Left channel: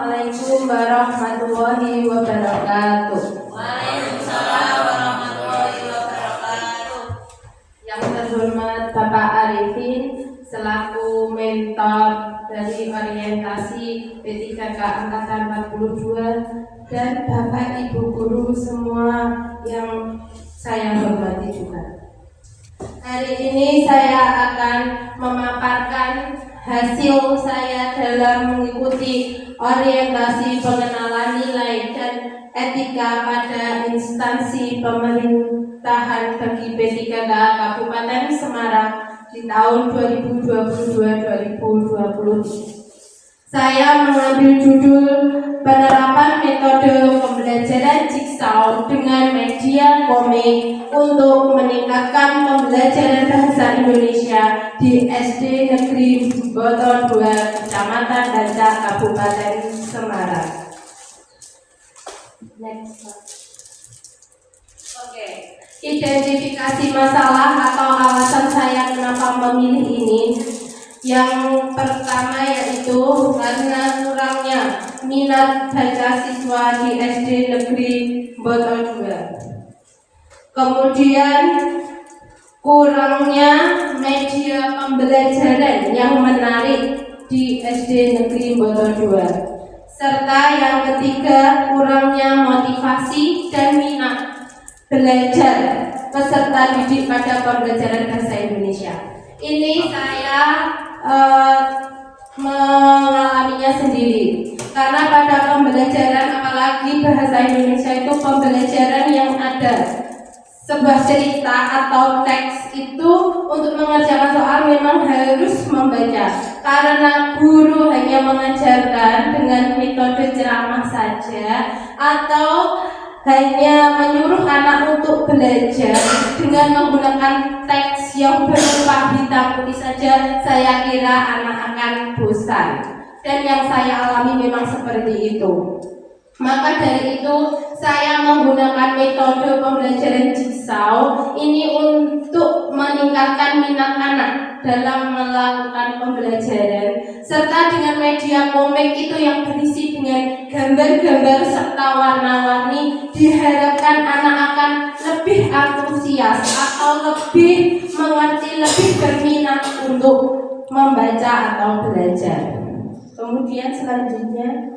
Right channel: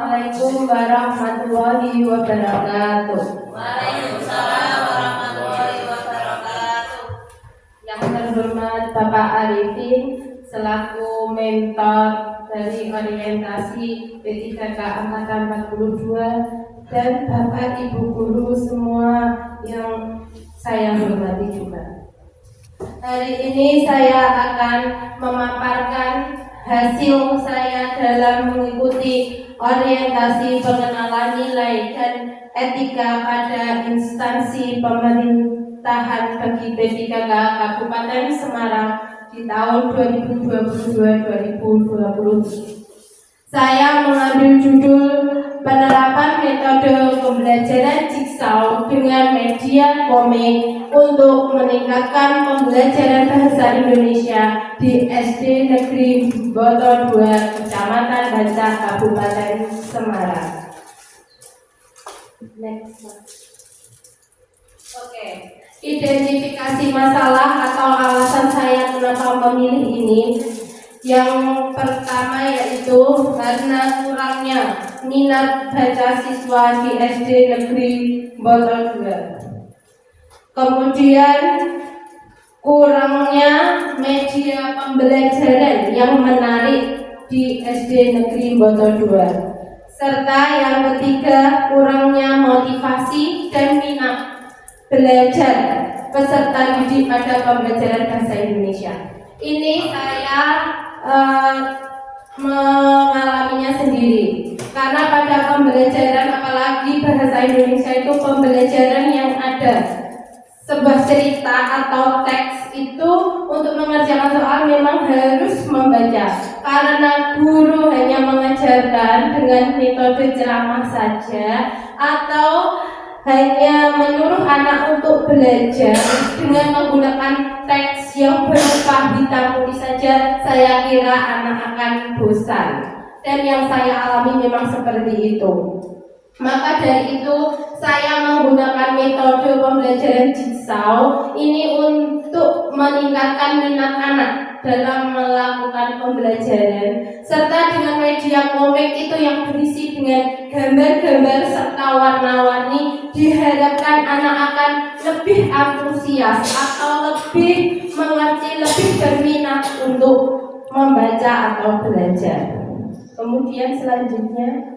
Assalamualaikum warahmatullahi wabarakatuh. Waalaikumsalam warahmatullahi wabarakatuh. Yang terhormat Bapak Arifin selaku mentor dari orientasi P3K Angkatan 42 dan Bapak Ibu guru semua yang saya hormati juga. Hari ini saya akan memaparkan hasil saya dalam mengikuti orientasi pengenalan nilai dan etika pada instansi pemerintahan bagi P3K Kabupaten Semarang di tahun 2022-2020. Saya mengambil judul penerapan metode pembelajaran jigsaw dengan media komik untuk meningkatkan pembelajaran bahasa Indonesia di SD Negeri Boto 2, Kecamatan Bancak, Kabupaten Semarang. Next. Oke. Identifikasi masalah atau alasan saya kenapa memilih ini. Yang pertama yaitu karena kurangnya minat baca siswa di SD Negeri Boto 2. Kemudian kurangnya media pembelajaran yang menarik di SD Negeri Boto 2. Serta yang ketiga, kurangnya motivasi dan minat belajar peserta didik pada pembelajaran bahasa Indonesia. Ini saya mengalaminya sendiri. Karena pada pembelajaran apalagi bahasa Indonesia itu pembelajaran yang ada sebuah cerita atau teks itu untuk mengerjakan soal memang harus membaca. Karena guru hanya mengajarkan dengan metode ceramah saja atau hanya menyuruh anak untuk belajar dengan menggunakan teks yang berupa hitam putih saja, saya kira anak akan bosan. Dan yang saya alami memang seperti itu. Maka dari itu saya menggunakan metode pembelajaran jigsaw ini untuk meningkatkan minat anak dalam melakukan pembelajaran, serta dengan media komik itu yang berisi dengan gambar-gambar serta warna-warni, diharapkan anak akan lebih antusias atau lebih mengerti, lebih berminat untuk membaca atau belajar. Kemudian selanjutnya,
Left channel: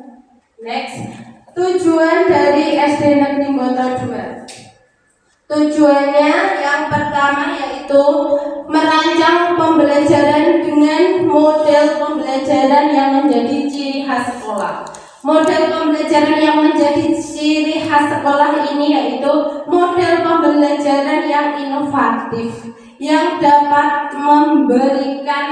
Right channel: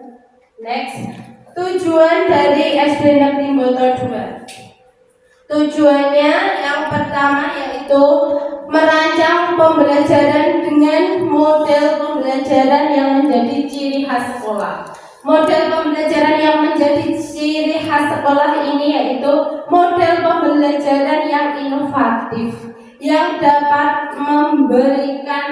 next, tujuan dari SD Negeri Boto 2. Tujuannya yang pertama yaitu merancang pembelajaran dengan model pembelajaran yang menjadi ciri khas sekolah. Model pembelajaran yang menjadi ciri khas sekolah ini yaitu model pembelajaran yang inovatif, yang dapat memberikan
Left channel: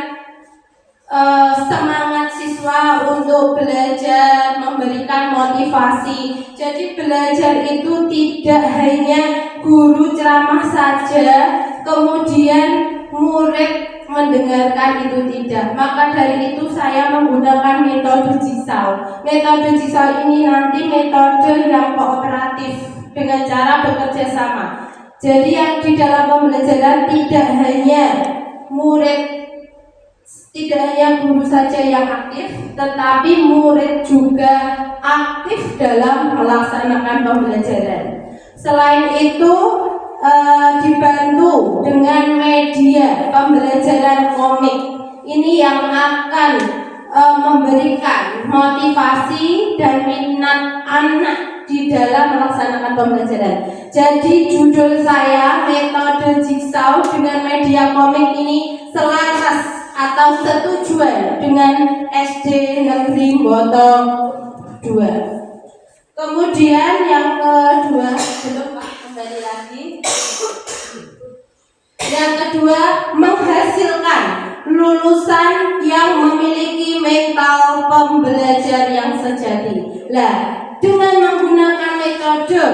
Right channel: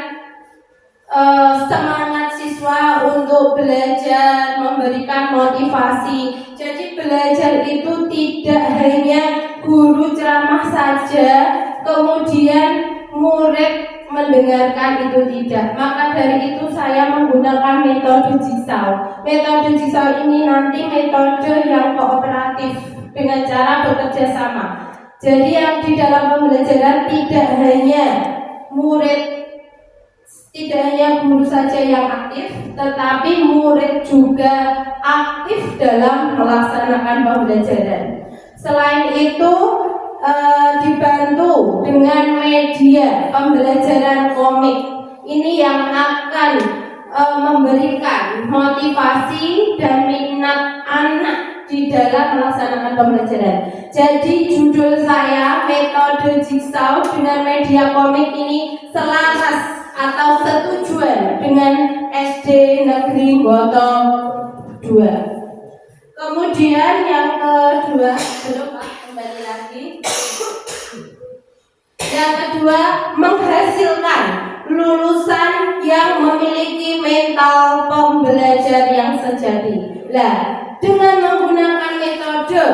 semangat siswa untuk belajar, memberikan motivasi. Jadi belajar itu tidak hanya guru ceramah saja, kemudian murid mendengarkan, itu tidak. Maka dari itu saya menggunakan metode jigsaw. Metode jigsaw ini nanti metode yang kooperatif dengan cara bekerja sama. Jadi yang di dalam pembelajaran tidak hanya guru saja yang aktif, tetapi murid juga aktif dalam melaksanakan pembelajaran. Selain itu dibantu dengan media pembelajaran komik ini yang akan memberikan motivasi dan minat anak di dalam melaksanakan pembelajaran. Jadi judul saya metode jigsaw dengan media komik ini selaras atau setujuan dengan SD Negeri Boto 2. Kemudian yang kedua, kembali lagi. Yang kedua, menghasilkan lulusan yang memiliki mental pembelajar yang sejati. Dengan menggunakan metode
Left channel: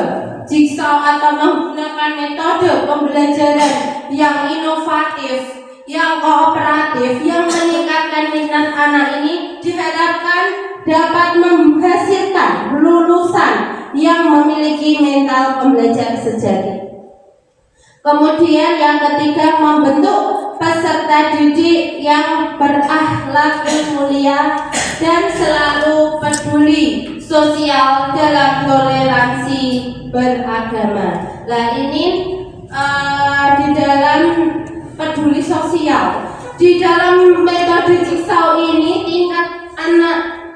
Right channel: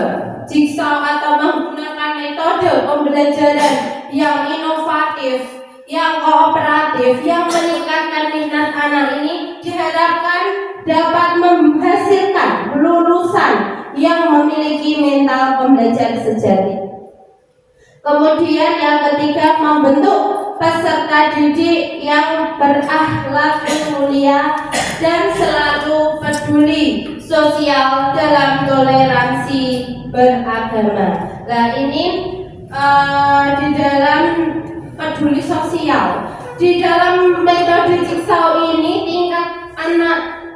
jigsaw atau menggunakan metode pembelajaran yang inovatif, yang kooperatif, yang meningkatkan minat anak ini diharapkan dapat menghasilkan lulusan yang memiliki mental pembelajar sejati. Kemudian yang ketiga, membentuk peserta didik yang berakhlak mulia dan selalu peduli sosial dalam toleransi beragama. Nah ini di dalam peduli sosial, di dalam metode Jigsaw ini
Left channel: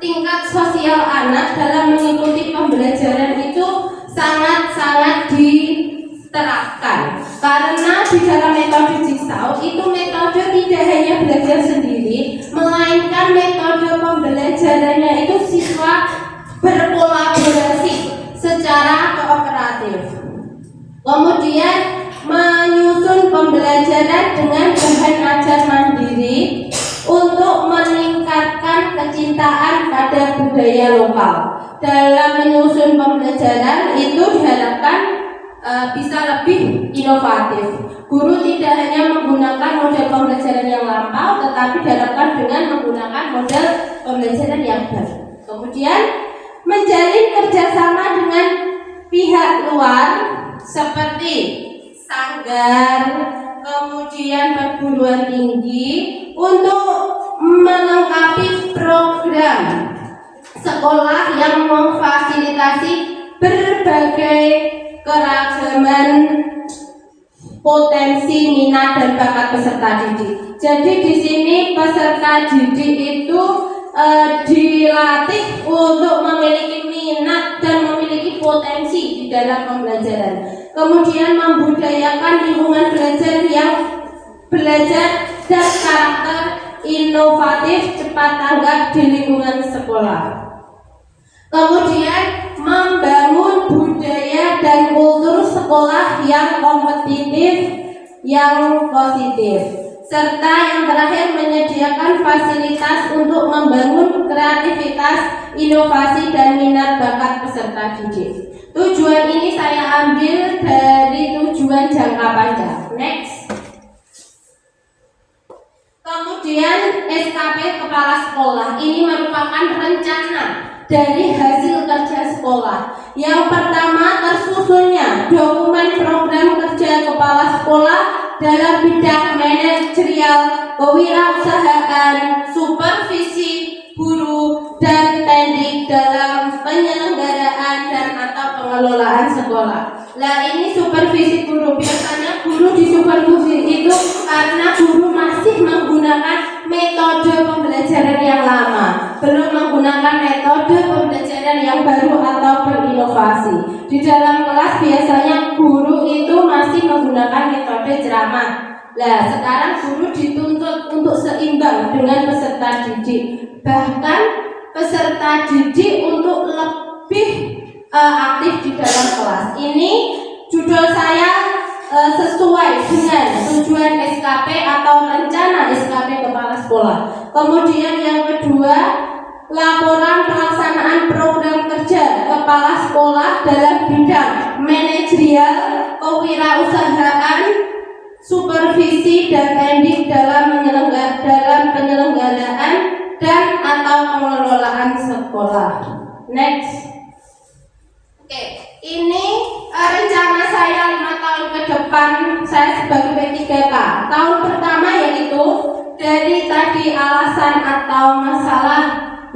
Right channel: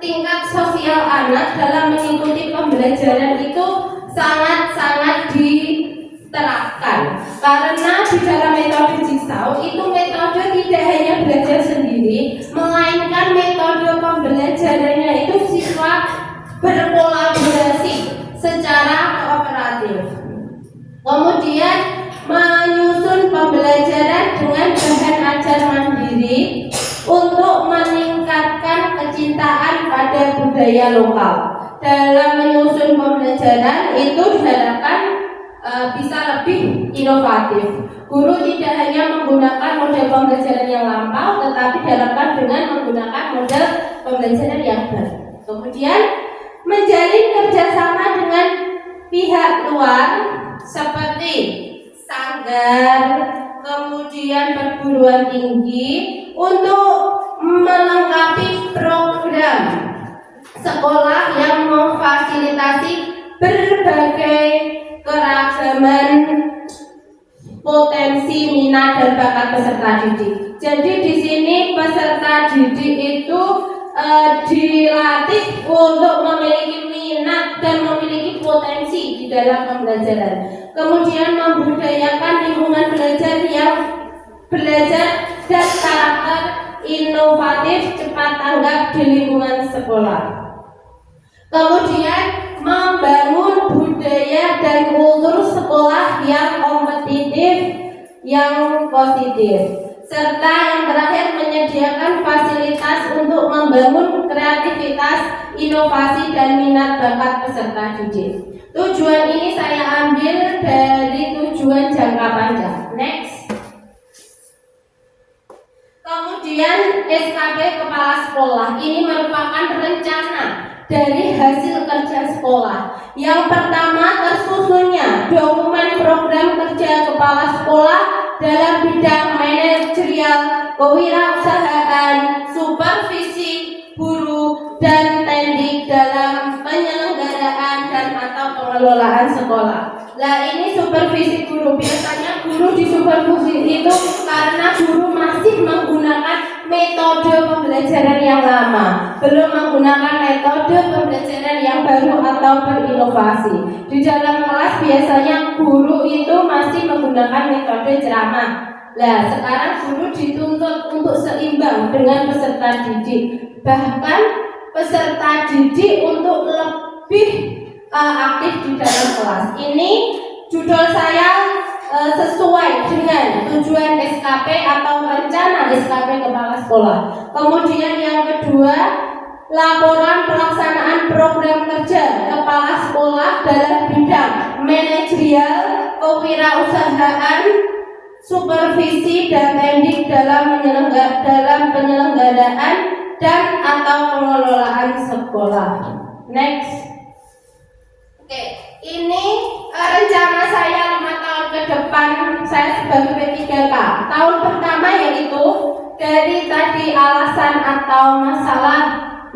tingkat sosial anak dalam mengikuti pembelajaran itu sangat-sangat diterapkan, karena di dalam metode Jigsaw itu metode tidak hanya belajar sendiri, melainkan metode pembelajarannya itu siswa berkolaborasi secara kooperatif, kemudian menyusun pembelajaran dengan bahan ajar mandiri untuk meningkatkan kecintaan pada budaya lokal. Dalam menyusun pembelajaran itu diharapkan bisa lebih inovatif. Guru tidak hanya menggunakan model pembelajaran yang lampau, tetapi diharapkan dengan menggunakan model pembelajaran yang baru. Kemudian menjalin kerjasama dengan pihak luar seperti sanggar, kemudian perguruan tinggi untuk melengkapi program sekolah yang memfasilitasi berbagai keragaman potensi, minat dan bakat peserta didik. Jadi di sini peserta didik itu dilatih untuk memiliki minat dan memiliki potensi di dalam pembelajaran. Kemudian membudayakan lingkungan belajar yang belajar dan karakter inovatif, cepat tanggap di lingkungan sekolah. Kemudian membangun budaya dan kultur sekolah yang kompetitif, yang positif. Serta yang terakhir menyediakan fasilitas untuk membangun kreativitas, inovasi dan minat bakat peserta didik. Tujuan ini saya ambil dari tujuan jangka panjang. Next. Kemudian SKP Kepala Sekolah ini merupakan rencana dari hasil kerja sekolah. Yang pertama, tersusunnya dokumen program kerja kepala sekolah dalam bidang manajerial, kewirausahaan, supervisi guru dan teknik dalam penyelenggaraan dan atau pengelolaan sekolah. Nah ini supervisi guru, biasanya guru disupervisi itu karena guru masih menggunakan metode pembelajaran yang lama, belum menggunakan metode pembelajaran yang baru atau berinovasi. Di dalam kelas biasanya guru itu masih menggunakan metode ceramah. Nah sekarang guru dituntut untuk seimbang dengan peserta didik, bahkan peserta didik untuk lebih aktif di dalam kelas. Ini judul saya sesuai dengan tujuan SKP atau rencana SKP Kepala Sekolah. Kemudian yang kedua, laporan pelaksanaan program kerja Kepala Sekolah dalam bidang manajerial, kewirausahaan, supervisi dan teknik dalam penyelenggaraan dan atau pengelolaan sekolah. Next. Oke, ini rencana saya 5 tahun ke depan saya sebagai P3K. Tahun pertama yaitu dari tadi alasan atau masalah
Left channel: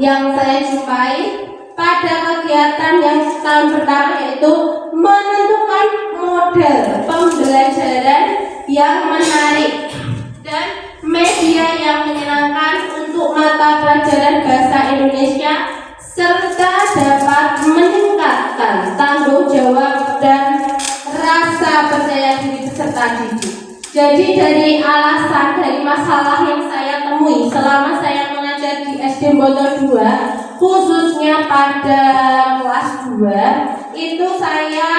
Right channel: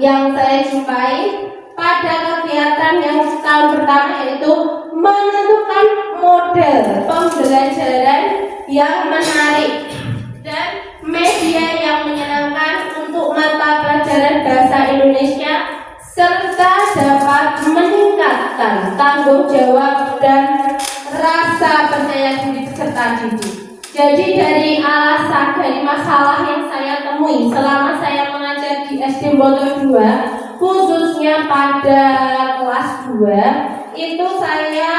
yang saya jumpai pada kegiatan yang tahun pertama yaitu menentukan model pembelajaran yang menarik dan media yang menyenangkan untuk mata pelajaran bahasa Indonesia, serta dapat meningkatkan tanggung jawab dan rasa percaya diri peserta didik. Jadi dari alasan, dari masalah yang saya temui selama saya mengajar di SD Boto 2, khususnya pada kelas 2, itu saya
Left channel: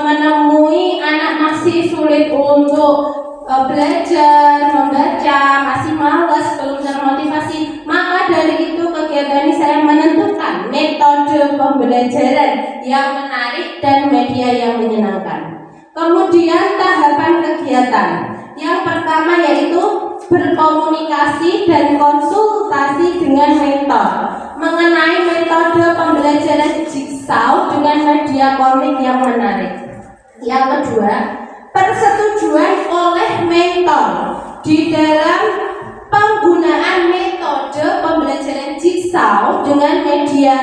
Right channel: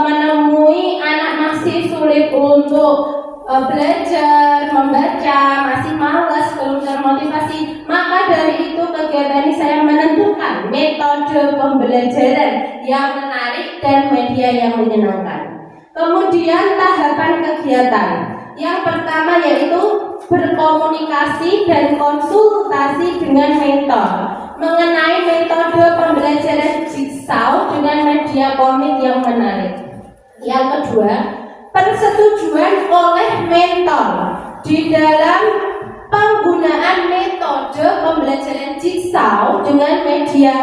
menemui anak masih sulit untuk belajar, membaca, masih malas, belum termotivasi. Maka dari itu kegiatan ini saya menentukan metode pembelajaran yang menarik dan media yang menyenangkan. Kemudian tahapan kegiatan yang pertama yaitu berkomunikasi dan konsultasi dengan mentor mengenai metode pembelajaran Jigsaw dengan media komik yang menarik. Yang kedua, persetujuan oleh mentor di dalam penggunaan metode metode pembelajaran jigsaw dengan media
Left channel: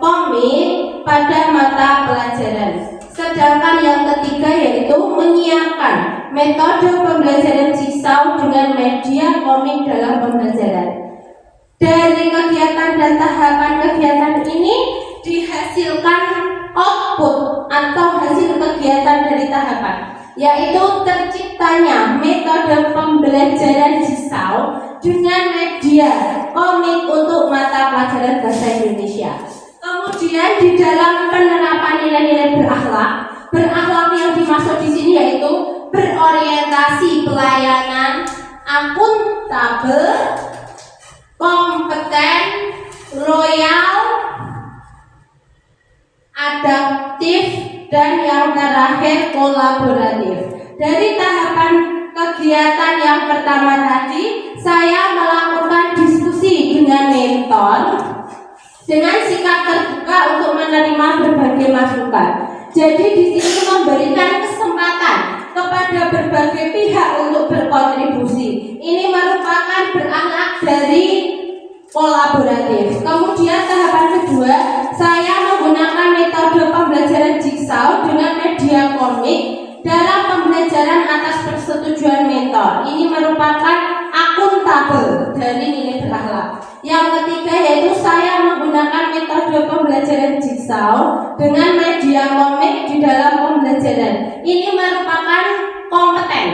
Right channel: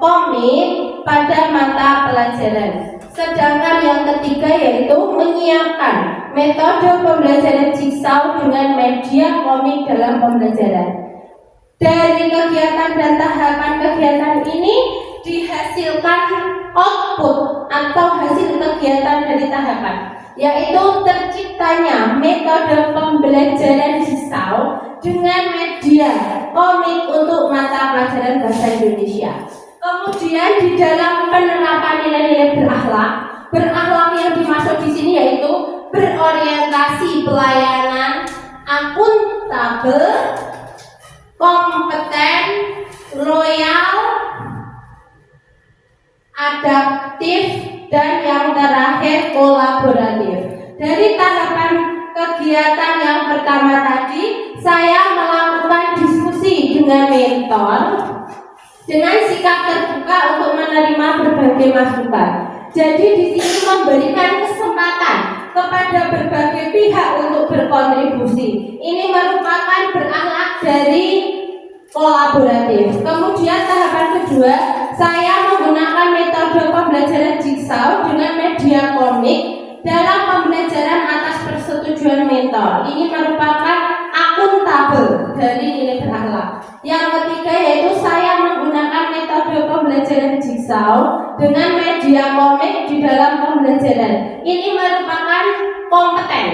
komik pada mata pelajaran. Sedangkan yang ketiga yaitu menyiapkan metode pembelajaran jigsaw dengan media komik dalam pembelajaran. Dari kegiatan dan tahapan kegiatan ini dihasilkan output atau hasil kegiatan dari tahapan, yaitu terciptanya metode pembelajaran jigsaw dengan media komik untuk mata pelajaran bahasa Indonesia. Kemudian di dalam penerapan nilai-nilai berakhlak yang dimaksud di sini yaitu berorientasi pelayanan, akuntabel, kompeten, loyal, adaptif, dan yang terakhir kolaboratif. Dari tahapan kegiatan yang pertama tadi, saya melakukan diskusi dengan mentor dengan sikap terbuka untuk menerima berbagai masukan. Jadi di sini memberikan kesempatan kepada berbagai pihak untuk berkontribusi. Ini merupakan berakhlak dari kolaboratif. Kemudian tahapan kedua, saya menggunakan metode pembelajaran jigsaw dengan media komik dalam pembelajaran atas persetujuan mentor. Ini merupakan akuntabel dari nilai berakhlak. Yang ketiga yaitu saya menggunakan metode pembelajaran jigsaw dengan media komik di dalam pembelajaran. Ini merupakan kompeten,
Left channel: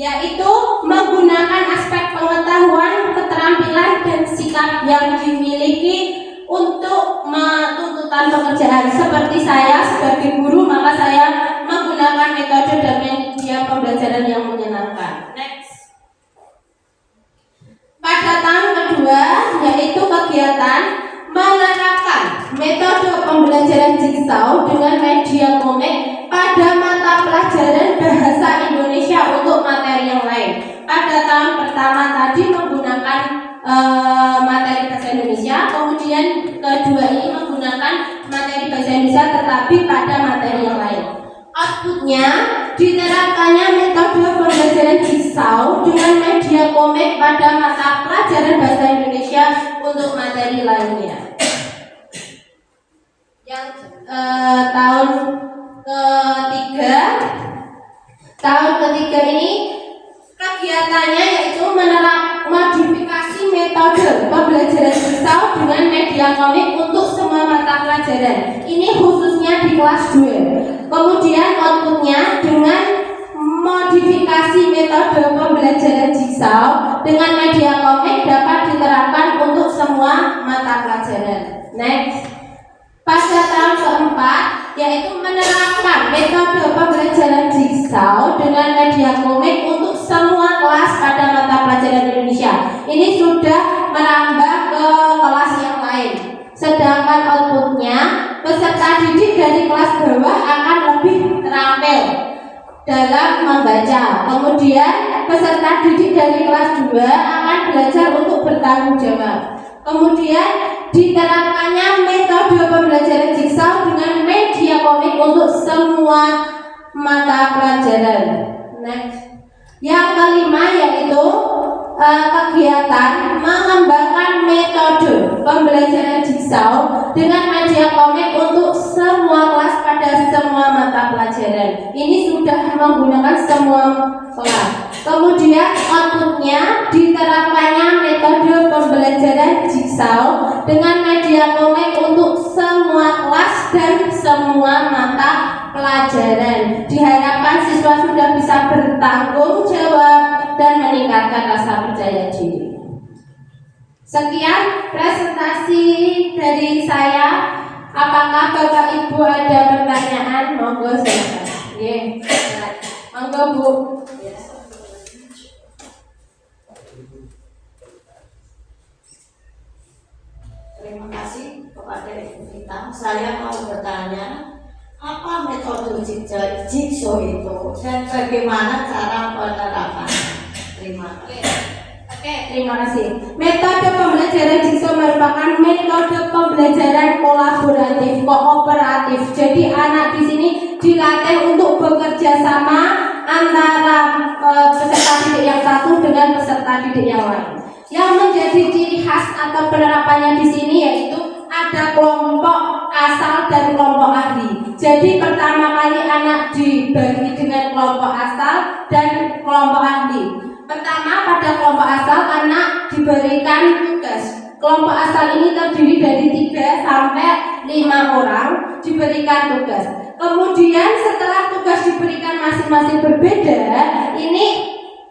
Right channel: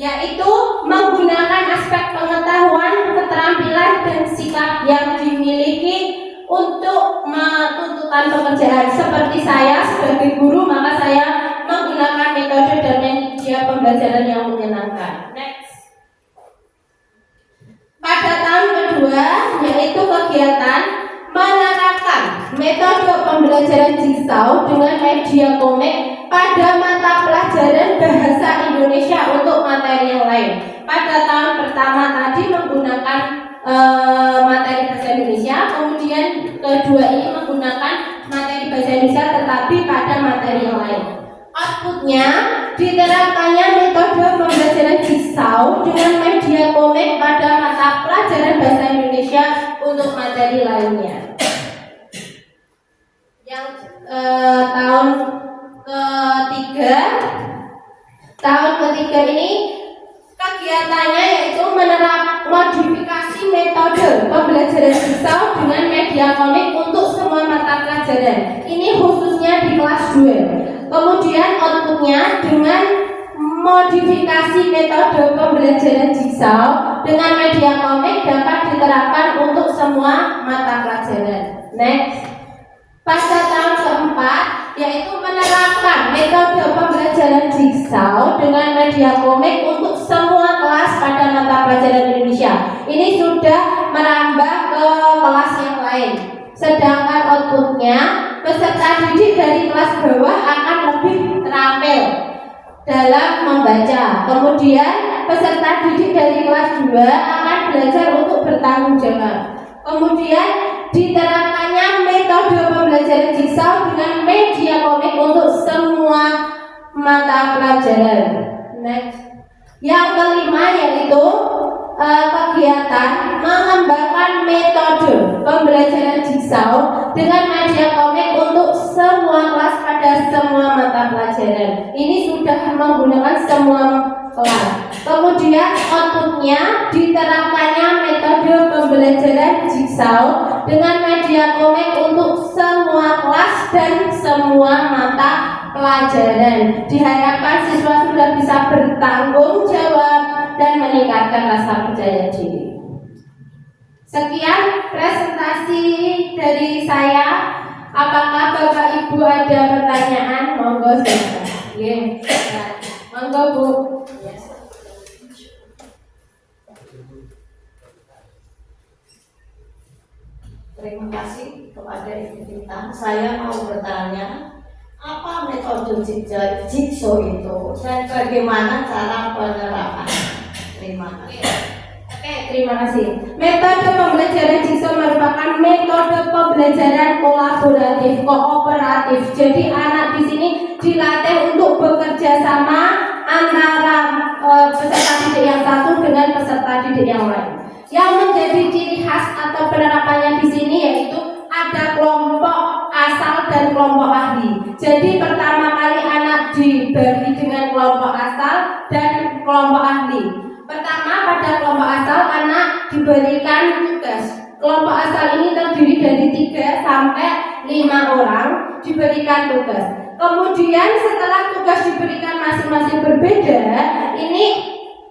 yaitu menggunakan aspek pengetahuan, keterampilan, dan sikap yang dimiliki untuk tuntutan pekerjaan. Seperti saya sebagai guru, maka saya menggunakan metode dan media pembelajaran yang menyenangkan. Next. Pada tahun kedua, yaitu kegiatan menerapkan metode pembelajaran jigsaw dengan media komik pada mata pelajaran bahasa Indonesia untuk materi yang lain. Pada tahun pertama tadi menggunakan materi bahasa Indonesia, kemudian kedua ini menggunakan materi bahasa Indonesia tetapi pada materi yang lain. Outputnya diterapkannya metode pembelajaran jigsaw dengan media komik pada mata pelajaran bahasa Indonesia untuk materi lainnya. Yang tahun ketiga ini kegiatannya yaitu modifikasi metode pembelajaran jigsaw dengan media komik untuk semua mata pelajaran. Ini khususnya di kelas 2. Kemudian outputnya dengan modifikasi metode pembelajaran jigsaw dengan media komik dapat diterapkan untuk semua mata pelajaran. Next. Pada tahun keempat yaitu menerapkan metode pembelajaran jigsaw dengan media komik untuk semua kelas pada mata pelajaran Indonesia. Ini sudah merambah ke kelas yang lain. Sedangkan outputnya peserta didik dari kelas bawah akan lebih terampil dalam membaca. Kemudian peserta didik dari kelas 2 akan belajar untuk bertanggung jawab. Kemudian diterapkannya metode pembelajaran jigsaw dengan media komik untuk semua mata pelajaran. Next. Yang kelima yaitu kegiatan mengembangkan metode pembelajaran jigsaw dengan media komik untuk semua kelas pada semua mata pelajaran. Ini sudah menggunakan semua kelas. Kemudian outputnya diterapkannya metode pembelajaran jigsaw dengan media komik untuk semua kelas dan semua mata pelajaran. Diharapkan siswa sudah bisa bertanggung jawab dan meningkatkan rasa percaya diri. Sekian presentasi dari saya. Apakah Bapak Ibu ada pertanyaan? Monggo silakan. Nggih. Monggo Bu. Terima kasih kepada Ibu Vita. Saya mau bertanya, apa metode jigsaw itu dan bagaimana cara penerapannya? Terima kasih. Oke, terima kasih. Metode pembelajaran jigsaw merupakan metode pembelajaran kolaboratif, kooperatif. Jadi anak di sini dilatih untuk bekerja sama antara peserta didik yang satu dengan peserta didik yang lain. Yang menjadi ciri khas atau penerapannya di sini yaitu ada kelompok asal dan kelompok ahli. Jadi pertama kali anak dibagi dengan kelompok asal dan kelompok ahli. Pertama, pada kelompok asal anak diberikan tugas. Kelompok asal ini terdiri dari 3 sampai 5 orang diberikan tugas. Kemudian setelah tugas diberikan masing-masing berbeda, ini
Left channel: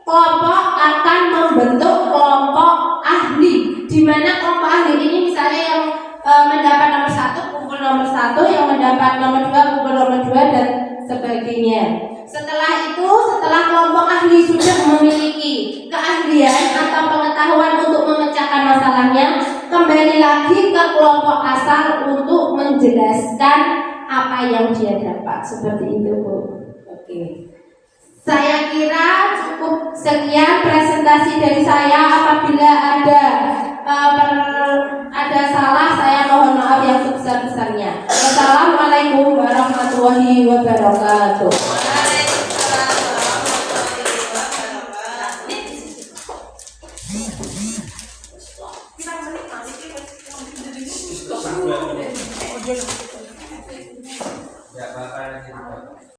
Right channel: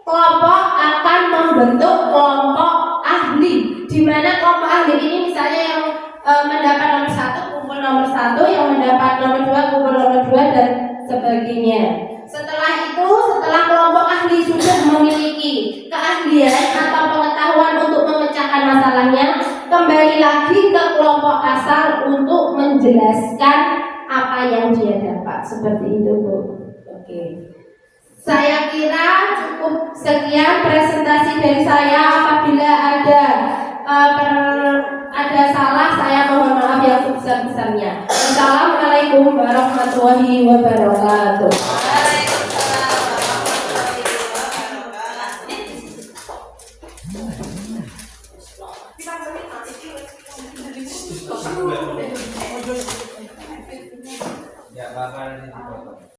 kelompok akan membentuk kelompok ahli. Di mana kelompok ahli ini misalnya yang mendapat nomor 1 kumpul nomor 1, yang mendapat nomor 2 kumpul nomor 2 dan sebagainya. Setelah itu, setelah kelompok ahli sudah memiliki keahlian atau pengetahuan untuk memecahkan masalahnya, kembali lagi ke kelompok asal untuk menjelaskan apa yang dia dapat. Seperti itu, Bu. Oke. Saya kira cukup sekian presentasi dari saya. Apabila ada salah, saya mohon maaf yang sebesar-besarnya. Wassalamualaikum warahmatullahi wabarakatuh. Oh,